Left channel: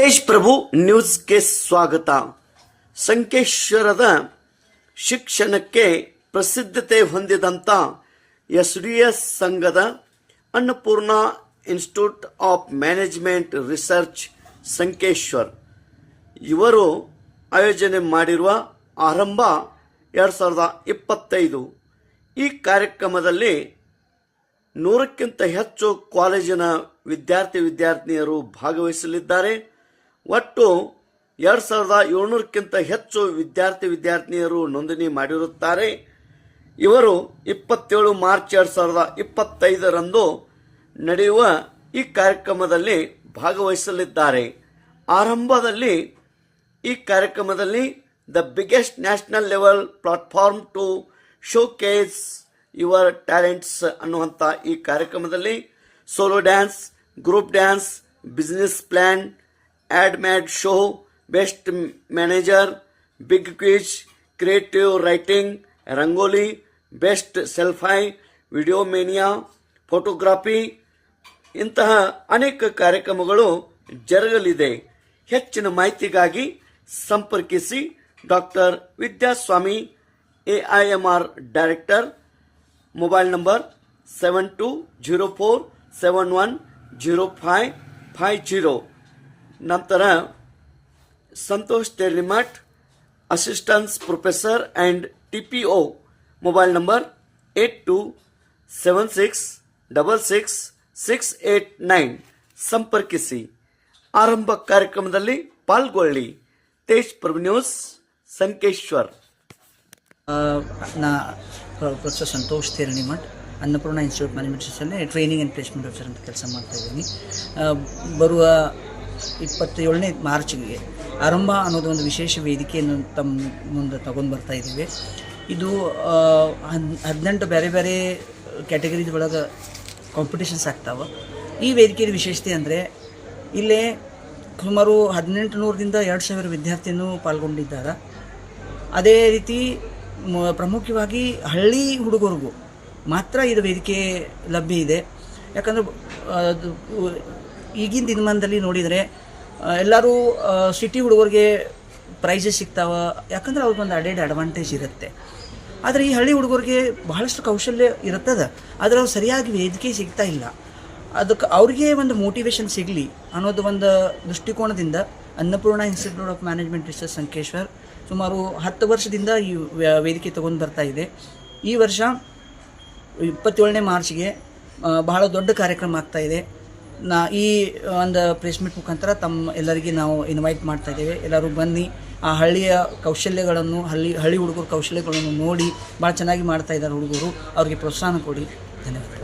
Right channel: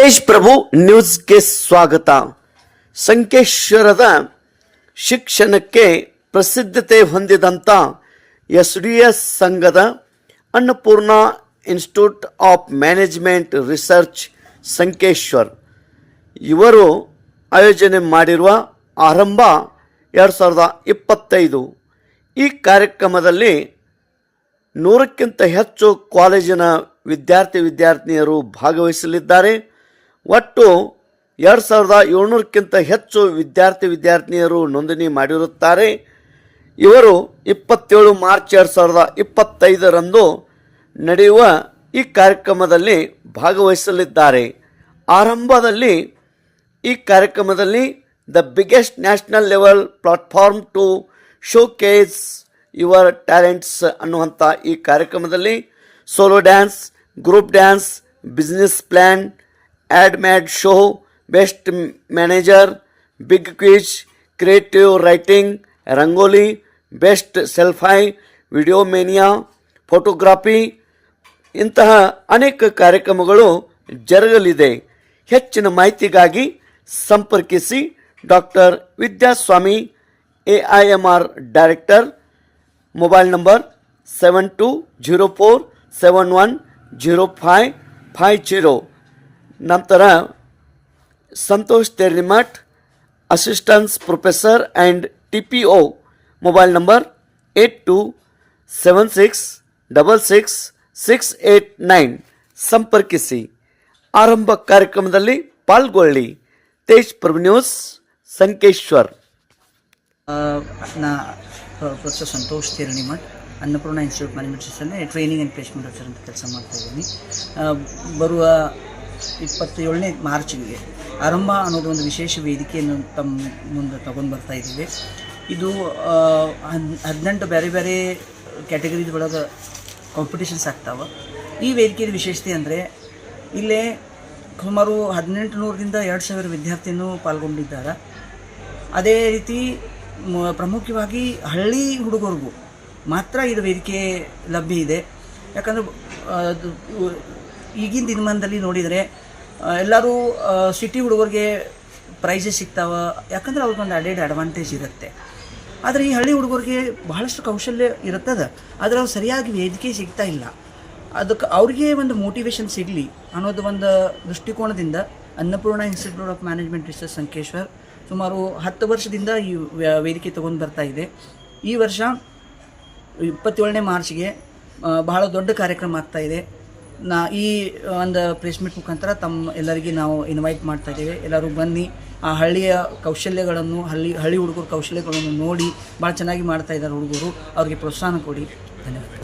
ತೇಜ್ ಪ್ರಭು ನ್ಯೂಸ್ಗೆ ಸ್ವಾಗತ. ಸಂಕೇಶ್ವರದ ಶಿಕ್ಷಣಕ್ಕೆ ಪ್ರಸಿದ್ಧತೆ ಹೊಂದಿದಂಥ ಎಸ್ ಸಂಘದ Annapurna institute of management research Sankeshwar ಇವರು ಆಯೋಜನೆ ಮಾಡಿರುವ ಆರಂಭ 2025 ಈ ಕಾರ್ಯಕ್ರಮದಲ್ಲಿ 100ಕ್ಕಿಂತ ಹೆಚ್ಚು ಕಾಲೇಜಿನ ವಿದ್ಯಾರ್ಥಿನಿಯರು ಭಾಗವಹಿಸಲಿದ್ದಾರೆ. ಒಟ್ಟು 2700ಕ್ಕಿಂತ ಹೆಚ್ಚು ವಿದ್ಯಾರ್ಥಿನಿಯರು ನೋಂದಣಿ ಮಾಡಿರುತ್ತಾರೆ. ಇವರು 27 ಮಾರ್ಚ್ 2025ರಂದು ನಡೆಯುವ ಈ ಕಾರ್ಯಕ್ರಮದಲ್ಲಿ ಭಾಗವಹಿಸಲಿದ್ದಾರೆ. ಆರಂಭದಲ್ಲಿ ಈ ಕಾರ್ಯಕ್ರಮದಲ್ಲಿ the biggest national level platform to showcase your talents ಅನ್ನುವಂಥ ಈ ಕಾರ್ಯಕ್ರಮದಲ್ಲಿ solo dance, group dance, business plan, ad mad show, best manager, big quiz, creative writing, rangoli, best selfie, video mania, photography ಇಂತಹ ಅನೇಕ ಕಾರ್ಯಕ್ರಮಗಳು ಜರುಗಲಿದೆ. ಹೆಚ್ಚಿನ ಮಾಹಿತಿಗಾಗಿ ಸಂಪರ್ಕಿಸಿ doctor Vidyaswami AIMR director, mobile number 7204710550. ನಂತರ Santosh Terlimath assistant professor and TPO, mobile number 82766668 ಸಂಪರ್ಕಿಸಿ. ಆರಂಭ ಕಾರ್ಯಕ್ರಮದಲ್ಲಿ ಪಾಲ್ಗೊಳ್ಳಿ. ತೇಜ್ ಪ್ರಭು ನ್ಯೂಸ್ ಸಂಕೇಶ್ವರ್. ನಾ professor Santosh Terlimath Annapurna institute management ಸಿಸ್ಟಮ್ನ ಟ್ರೈನಿಂಗ್ ಆ್ಯಂಡ್ ಪ್ಲೇಸ್ಮೆಂಟ್ ಆಫೀಸರ್ ಅಂತ ಕೆಲಸ ಮಾಡ್ತಾಯಿದ್ದೀನಿ. ಬರುವ 27ನೇ ಮಾರ್ಚ್ಗೆ ಆರಂಭ ಅನ್ನೋದು ಒಂದು ವಿಶೇಷ ವೇದಿಕೆಯನ್ನು ತಮ್ಮ ಮುಂದೆ ತಗೊಂಡು ಬರ್ತಾ ಇದ್ದೀವಿ. ಇದು 18 ಬೇರೆ ಬೇರೆ ಕ್ಯಾಟಗರೀಸ್ ಒಳಗೆ ಕಾಂಪಿಟೇಷನ್ಸ್ ಆಗ್ತಾವೆ. ಈ ವೇದಿಕೆಯ ವಿಶೇಷತೆ ಅಂದರೆ ಇಲ್ಲೇ ಸುಮಾರು 1800ರಿಂದ 2000 ವಿದ್ಯಾರ್ಥಿನೂ ಪಾಲ್ಗೊಂಡಿದ್ದಾರೆ. ಅದೇ ರೀತಿ ಪ್ರಮುಖವಾಗಿ ಹಳ್ಳಿ ಹುಡುಗರಿಗೂ ಮಾತ್ರ ಇದು ವೇದಿಕೆ ಲಭ್ಯ ಇದೆ. ಯಾಕಂದರೆ ಈಗಿನ ದಿನಮಾನದಲ್ಲಿ ನೋಡಿದರೆ ಎಲ್ಲರೂ ಸಿಟಿ ಹುಡುಗರಿಗೆ ಪ್ರೈಸಸ್ ಸಿಗ್ತಾವೆ, ಯಾಕಂದ್ರೆ ಅವ್ರಿಗೊಂದು ಅಡ್ವಾಂಟೇಜ್ ಇರುತ್ತೆ. ಆದರೆ ಈ ಹಳ್ಳಿ ಹುಡುಗರಿಗೆ ಬಹಳಷ್ಟು ಕೌಶಲ್ಯ ಇರುತ್ತದೆ, ಆದರೆ ಅವ್ರು ಸರಿಯಾಗಿ ವೇದಿಕೆ ಸಿಗ್ತಾ ಇಲ್ಲ. ಅದಕ್ಕೆ ಅವ್ರಿಗೆ ಒಂದು ಮೋಟಿವೇಶನ್ ಸಿಗಲಿ ಅನ್ನೋದು ಒಂದು ದೃಷ್ಟಿಕೋನದಿಂದ Annapurna institute of management research Sankeshwar ಸುಮಾರು 10 ವರ್ಷದಿಂದ ಈ ವೇದಿಕೆ ತೊಗೊಂಡು ಬರ್ತಾ ಇದೆ. ಈ ವರ್ಷ 27ನೇ ಮಾರ್ಚ್ಗೆ ಬಹಳ ದೊಡ್ಡ ಕಾರ್ಯಕ್ರಮ ಆಗ್ತಾಯಿದೆ. ಈ ಒಂದು ಪ್ರೆಸ್ ಮೀಟ್ ಮುಖಾಂತರ ತಮ್ಮ ಎಲ್ಲರಿಗೆ ನಾವು ಇನ್ವೈಟ್ ಮಾಡ್ತಾ ಇದ್ದೇವೆ. ಎಲ್ಲರೂ ಬನ್ನಿ, ಆ ಹಳ್ಳಿಯ ಕೌಶಲ್ಯಗಳನ್ನು ಹಳ್ಳಿ ಹುಡುಗರ ಕೌಶಲ್ಯಗಳನ್ನು ನೋಡಿ ಭಾಳ ಚೆನ್ನಾಗಿ ಮಾಡ್ತಾ ಇದ್ದಾರೆ ಹುಡುಗರು. ಅವ್ರಿಗೆ ಪ್ರೋತ್ಸಾಹ ಕೊಡಿ. ಧನ್ಯವಾದ.